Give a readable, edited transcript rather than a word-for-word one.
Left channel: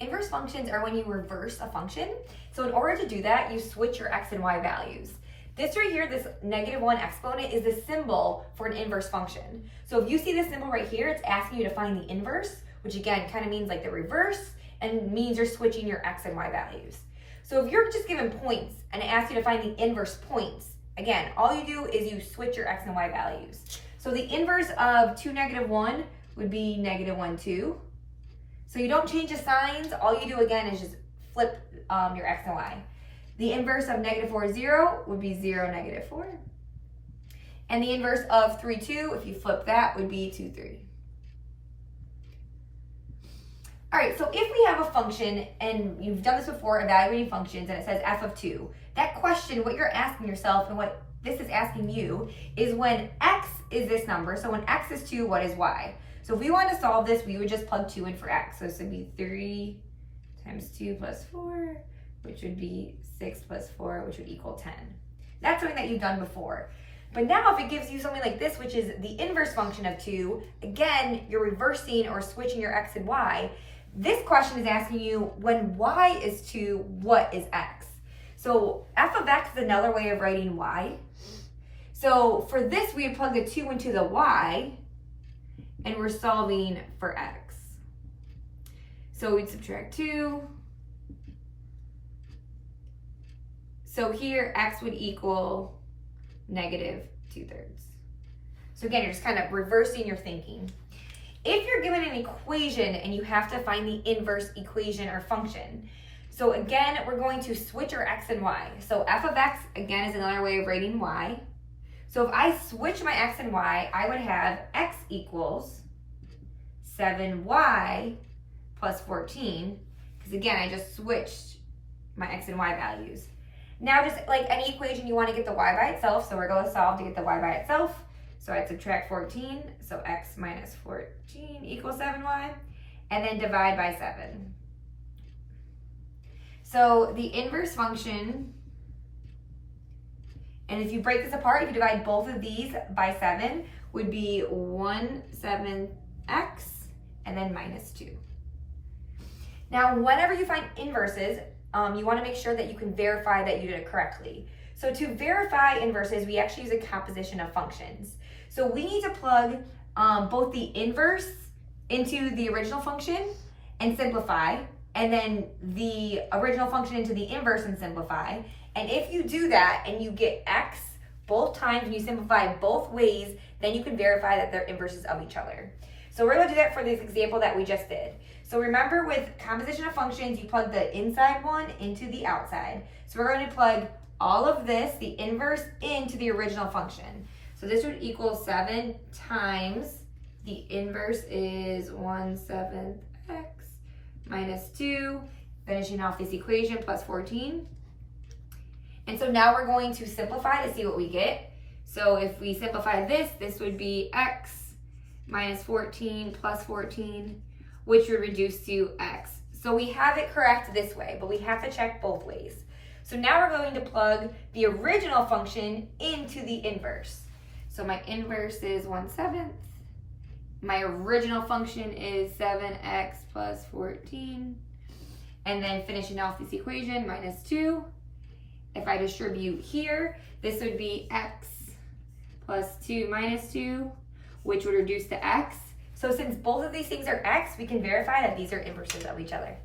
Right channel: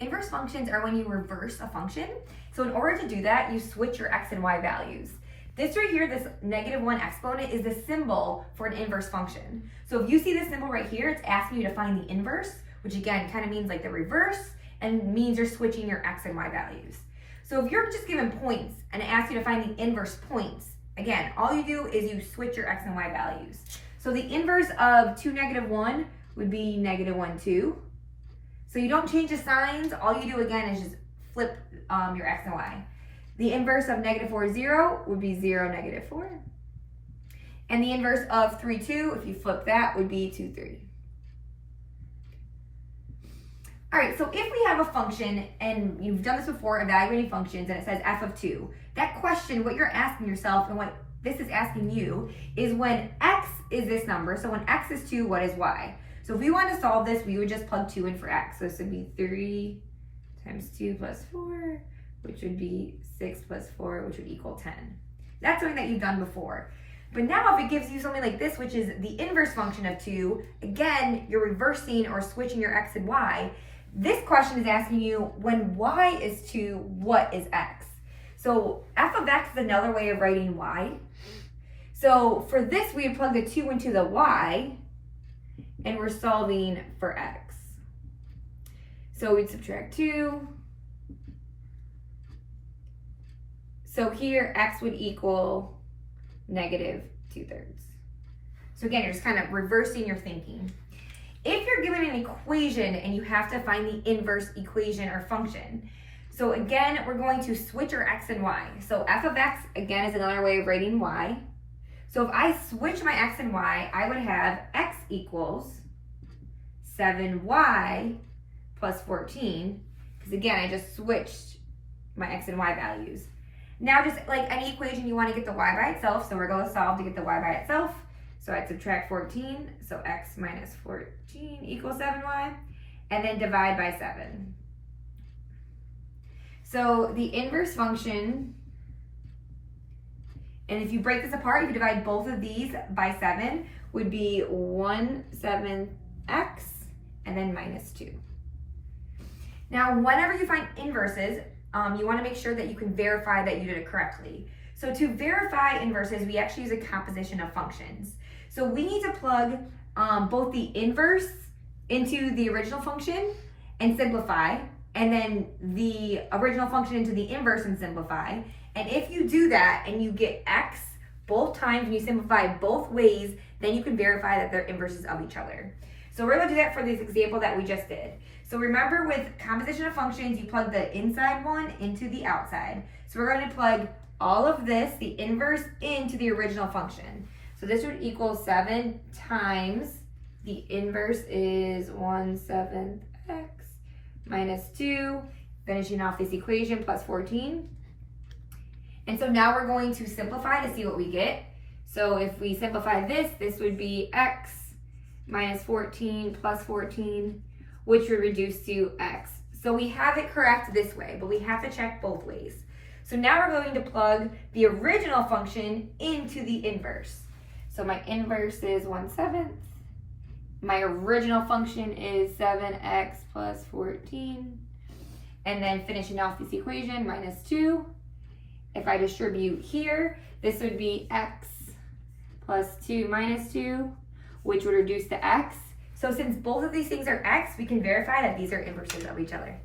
Inverse functions are when you reverse a function. So in order to do that, you switch your x and y values. This right here, this -1 exponent, is the symbol for an inverse function. So if you see this symbol right here, it's asking you to find the inverse, which again kind of means like the reverse and means you're switching your x and y values. So if you're just given points and it asks you to find the inverse points, again, all you do is you switch your x and y values. So the inverse of 2, -1 would be -1, 2. So you don't change the signs. All you do again is just flip your x and y. The inverse of -4, 0 would be 0, -4. And the inverse of 3, 2, if you flip that, would be 2, 3. All right, so if we have a function, and you've done this before, evaluating functions, and it says f of 2, that question, what you're asking yourself and what this is asking you is when x is this number, so when x is 2, what is y? So if we want to solve this, we would just plug 2 in for x. So this would be 3 times 2 plus 4, which would be 6 plus 4, which would equal 10. That's something that you've done before. But now if it gives you something like this, which is the inverse function of 2, again, you're reversing or switching your x and y. This question is asking you, when y is 2, what is x? So f of x is another way of writing y. So for this, we would plug the 2 into the y, and we're solving for x. So we'd subtract 2. So here, x would equal -2/3. So again, you're just kind of reversing your thinking. If you're given an equation and you have to find the inverse equation or function, so again, we're going to switch our x and y. So f of x, again, is another way of writing y. So if I switch my x and y, I would have x equals 7y plus 14, because again, I just switched my x and y values. Now, just like any equation, you want to get the y by itself, so we're going to solve to get the y by itself. So I'd subtract 14, so x minus 14 equals 7y, and then divide by 7. So the inverse function, and if you break this apart, if you divide both of these by 7, would be 1/7x, and then -2. Now, whenever you find inverses, you want to make sure that you can verify that you did it correctly. So to verify inverses, we actually use a composition of functions. So we need to plug both the inverse into the original function and simplify, and then the original function into the inverse and simplify. And if you do that and you get x both times and you simplify both ways, then you can verify that they're inverses of each other. So we're going to do that for this example that we just did. So remember, with composition of functions, you plug the inside one into the outside. So we're going to plug all of this, the inverse, into the original function. So this would equal 7 times the inverse is 1/7 x minus 2, finishing off this equation, plus 14. And so now we're going to simplify to see what we get. So if we simplify this, this would be x minus 14 plus 14, which would reduce to x. So we have it correct this way, but we have to check both ways. So now we're going to plug the original function into the inverse. So my inverse is 1/7. My original function is 7x plus 14. And then finishing off this equation, minus 2. If I distribute here, this would be x plus 2 minus 2, which would reduce to x. So since both of these things are x, we can verify that these are inverses of each other.